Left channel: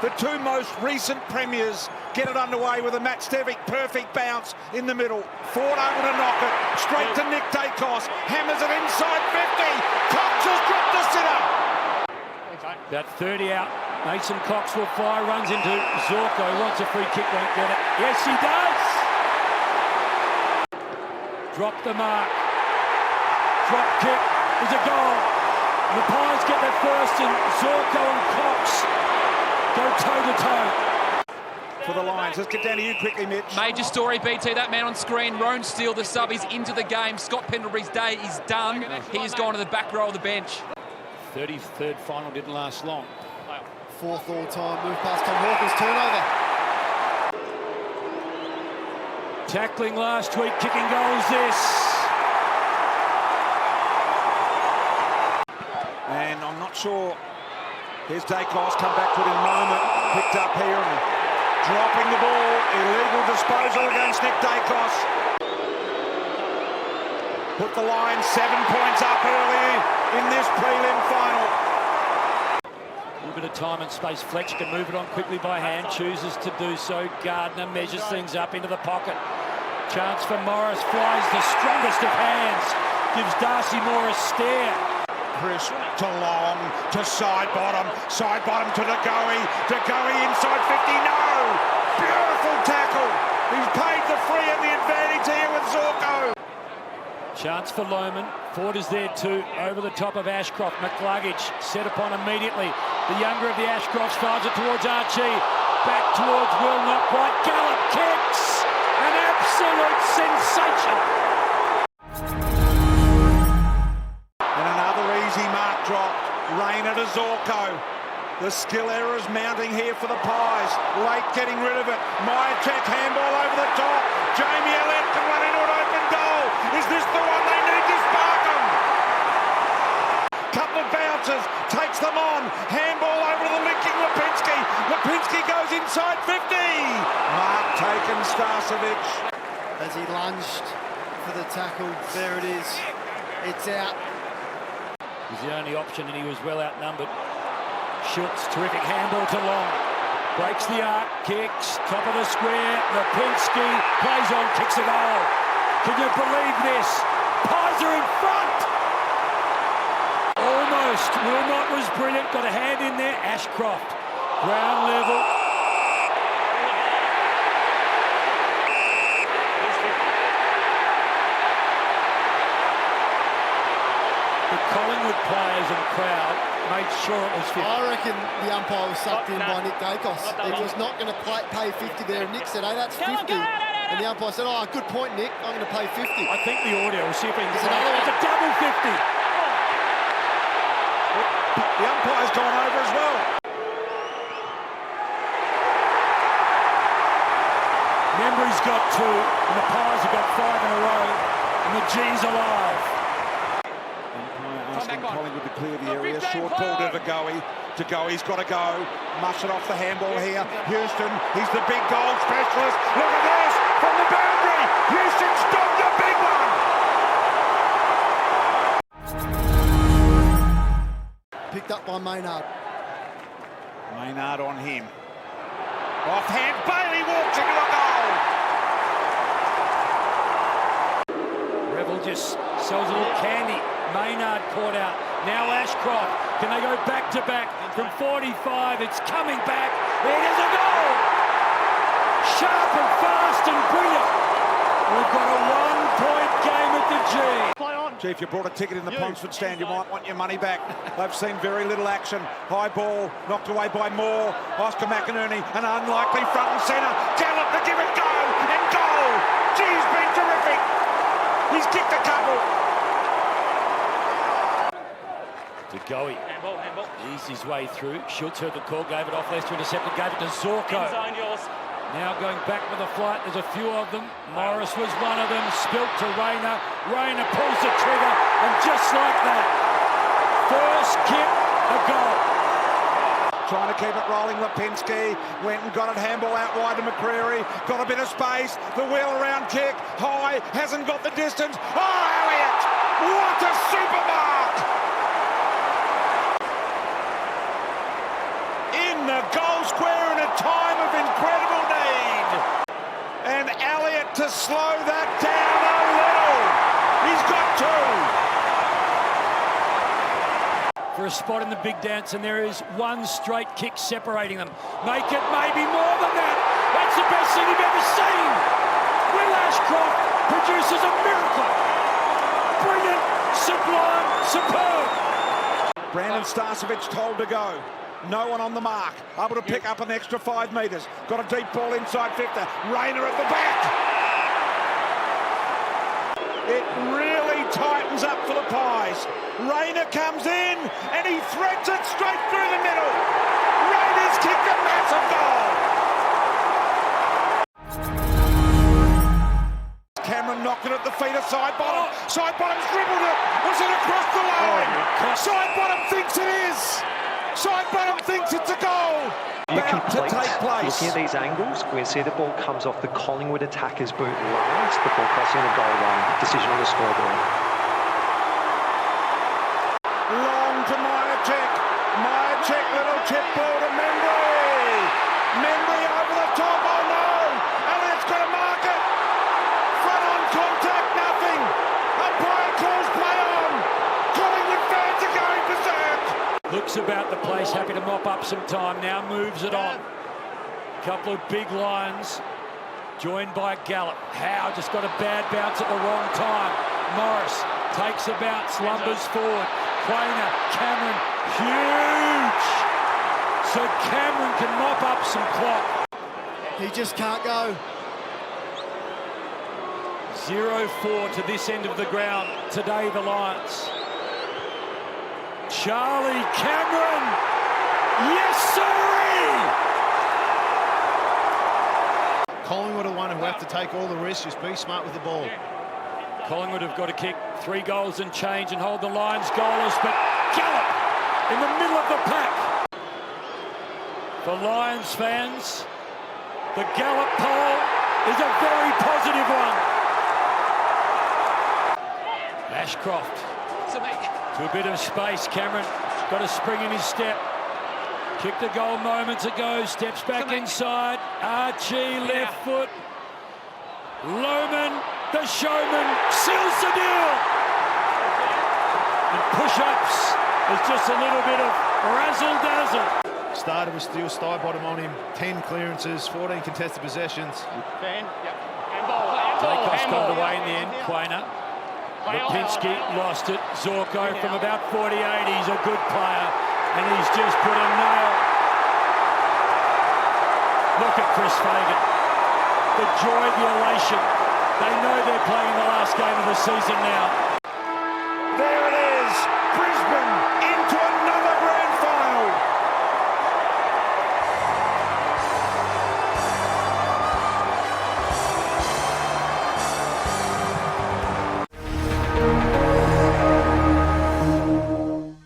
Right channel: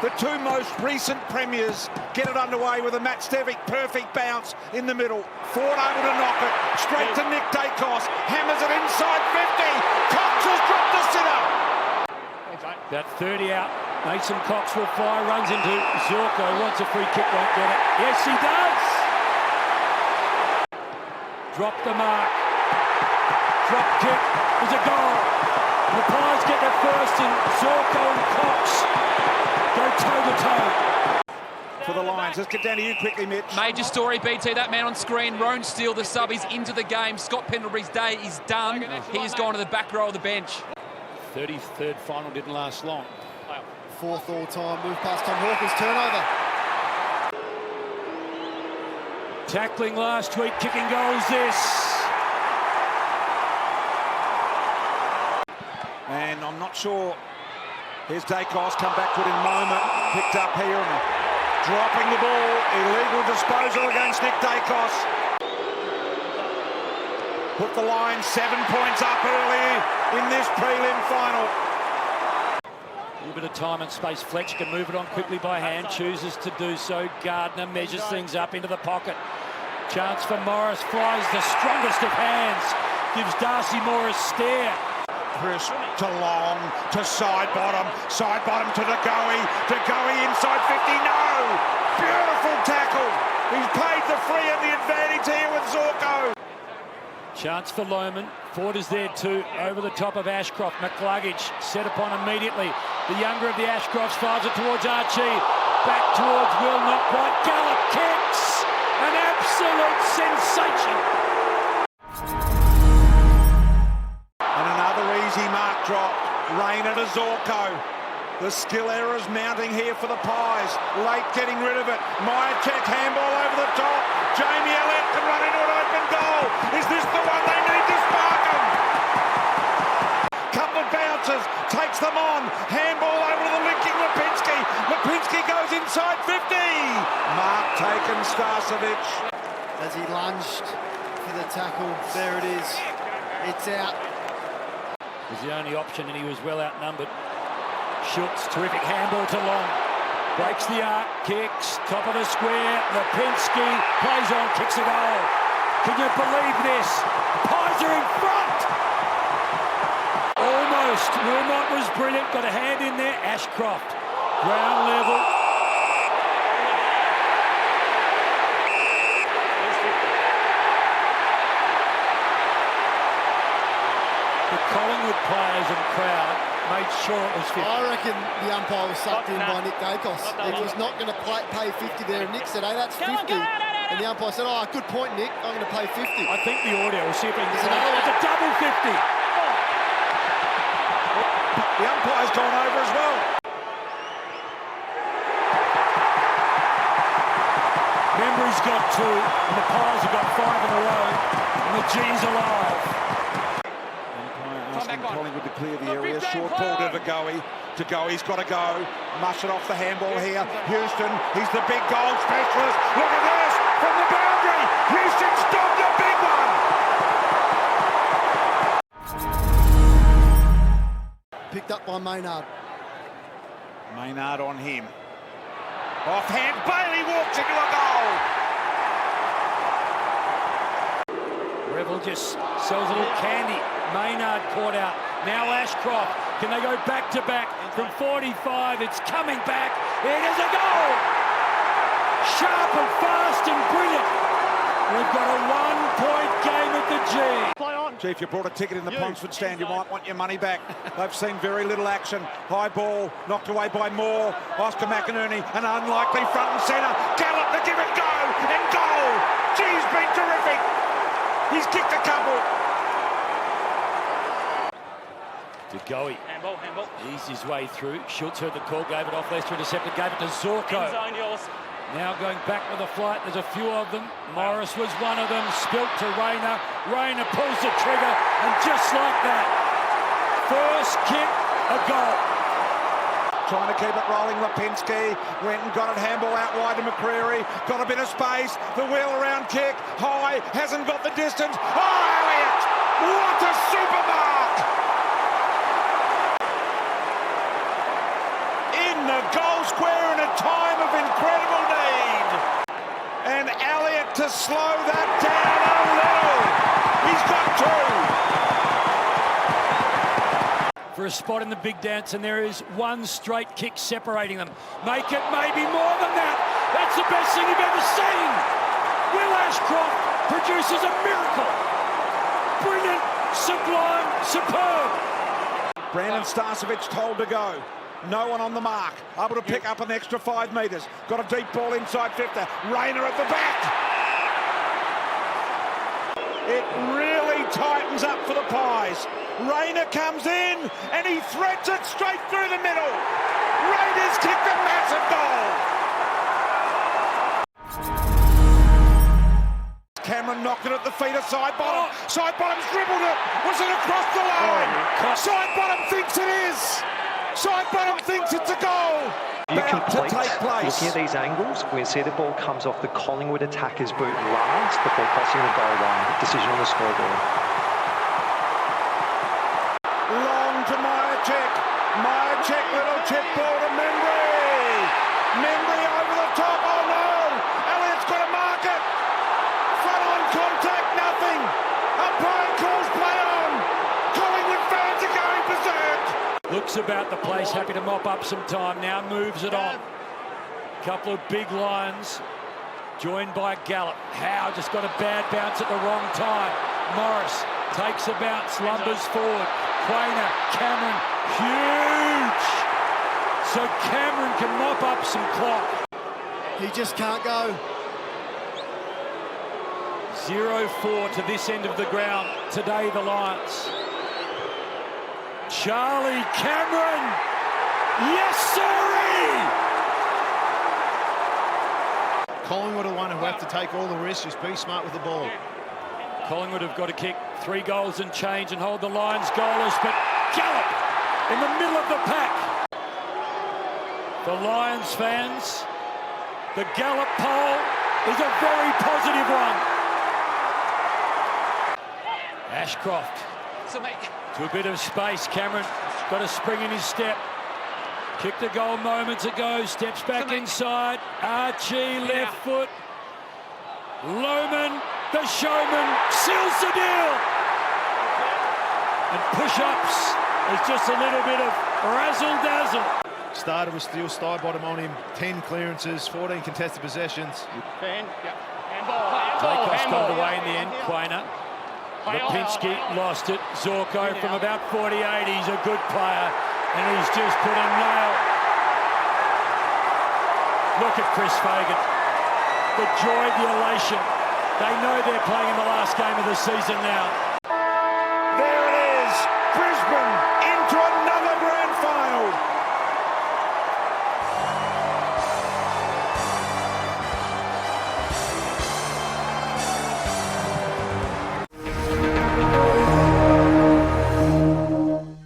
The two most recent premiers get it underway with a Matt Stevic perfect bounce in the middle. Ford able to knock it straight to Nick Dacos. Hammers it inside 50. Cox has dropped the sitter. About 30 out. Mason Cox will fire, runs into Zorko, wants a free kick, won't get it. Yes, he does! Drop the mark. Drop kick is a goal. The Pies get their first and Zorko and Cox go toe-to-toe. For the Lions, let's get down to you quickly, Mitch. Major story, BT, that man on screen, Roan Steele, the sub, is into the game. Scott Pendlebury's day is done. He's gone to the back row of the bench. 33rd final didn't last long. Fourth all-time move past Tom Hawkins, turnover. Tackling last week, kicking goals this. And I'm not sure. Here's Dacos, come back to it in a moment. Picked up here and dropping the ball. Illegal disposal against Nick Dacos. Put the Lions 7 points up early in this prelim final. A little bit of time and space. Fletcher can move it on quickly by hand. Chooses to do so. Gardner measures things up into the pocket. Chance for Morris. Flies the strongest of hands. Gives Darcy Moore a stare. Chris to Long, to side bottom to De Goey inside 50, no! Beautiful tackle! He's paid the free and the advantage here with Zorko. Chance for Lohman. Ford is there too, over the top of Ashcroft. McCluggage set upon immediately. The younger of the Ashcrofts fires it towards Archie. Back towards Will, not quite. Gallup kicks! An absolute sensation! And another easy mark drop. Rayner to Zorko. The skill errors mounting here for the Pies. Late getting rid of it. Myercheck handball over the top. Jamie Elliott can run into an open goal. Is this the one they need to spark them? Couple of bounces. Takes them on. Handball over to the linking Lipinski. Lipinski goes inside 50. Mark taken Starcevic. As he lunged for the tackle, there it is. It's out. Was the only option and he was well outnumbered. Schultz, terrific handball to Long. Breaks the arc, kicks, top of the square. Lipinski plays on, kicks a goal. Can you believe this? Pies are in front! Almost. Wilmot was brilliant, got a hand in there. Ashcroft, ground level. The Collingwood players and crowd made sure it was 50. I reckon the umpire was sucked in by Nick Dacos. He was not going to pay 50 there. And Nick said, hey, that's 50. And the umpire said, oh, good point, Nick. I'm going to pay 50. I think the audio, we'll see if we can get another one. It's a double 50. The umpire's gone over as well. Membry's got 2, and the Pies have got 5 in a row, and the G's alive. Asking Collingwood to clear the area. Short ball to De Goey. De Goey's got to go. Mush it off the handball here. Houston, he's the big goal specialist. Look at this from the boundary. Houston's dogged a big one. Picked up by Maynard. Maynard on him. Offhand, Bailey walks into a goal. Revel just sells a little candy. Maynard caught out. Now Ashcroft. Can they go back to back from 45? It's coming back. It is a goal. Sharp and fast and brilliant. We've got a 1-point game at the G. Play on. Gee, if you brought a ticket in the Ponsford stand, you might want your money back. They've seen very little action. High ball knocked away by Moore. Oscar McInerney, an unlikely front and centre. Gallup to give it go and goal. Gee's been terrific. He's kicked a couple. De Goey. Handball. Eased his way through. Schultz heard the call, gave it off. Lester intercepted, gave it to Zorko. Now going back with a flight. There's a few of them. Morris was one of them. Spilt to Rayner. Rayner pulls the trigger, and just like that, first kick, a goal. Trying to keep it rolling, Lipinski went and got it, handball out wide to McCreary, got a bit of space, the wheel around kick, high, hasn't got the distance. Oh, Elliott! What a super mark! In in the goal square in a time of incredible need. And Elliott to slow that down a little. He's got two. For a spot in the big dance, and there is one straight kick separating them. Make it maybe more than that. That's the best thing you've ever seen. Will Ashcroft produces a miracle. Brilliant, sublime, superb. Brandon Starcevic told to go. No one on the mark. Able to pick up an extra 5 metres. Got a deep ball inside 50. Rayner at the back. It really tightens up for the Pies. Rayner comes in and he threads it straight through the middle. Raiders kicked a massive goal. Cameron knocked it at the feet of side bottom. Side bottom's dribbled it. Was it across the line? Side bottom thinks it is. Side bottom thinks it's a goal. You complete to take place. Looking at these angles, we see the ball comes off the Collingwood attacker's boot last before crossing the goal line. Decision on the scoreboard. Long to Myercheck. Myercheck, little chip ball to Membry. Membry over the top. Oh no! Elliott's got to mark it. Front on contact, nothing. Umpire calls play on. Collingwood fans are going berserk. Looks about the place, happy to mop up some time now, moves it on. Couple of big lines, joined by Gallup. Howe just got a bad bounce at the wrong time. Morris takes a bounce, lumbers forward. Quainer, Cameron, huge! So Cameron can mop up some clock. He just can't go. 0-4 to this end of the ground today, the Lions. Charlie Cameron, yes sirree! Collingwood are the one who have to take all the risks, just be smart with the ball. Collingwood have got to kick 3 goals and change and hold the Lions goalless, but Gallup in the middle of the pack. For Lions fans, the Gallup poll is a very positive one. Ashcroft. To a bit of space, Cameron got a spring in his step. Kicked a goal moments ago, steps back inside. Archie, left foot. Lohman, the showman, seals the deal. And push-ups is just a little bit of razzle-dazzle. Started with steel sty bottom on him, 10 clearances, 14 contested possessions. Dacos got it away in the end, Quainer. Lipinski lost it. Zorko from about 48. He's a good player, and he's just put a nail. Look at Chris Fagan. The joy, the elation. They know they're playing in the last game of the season now.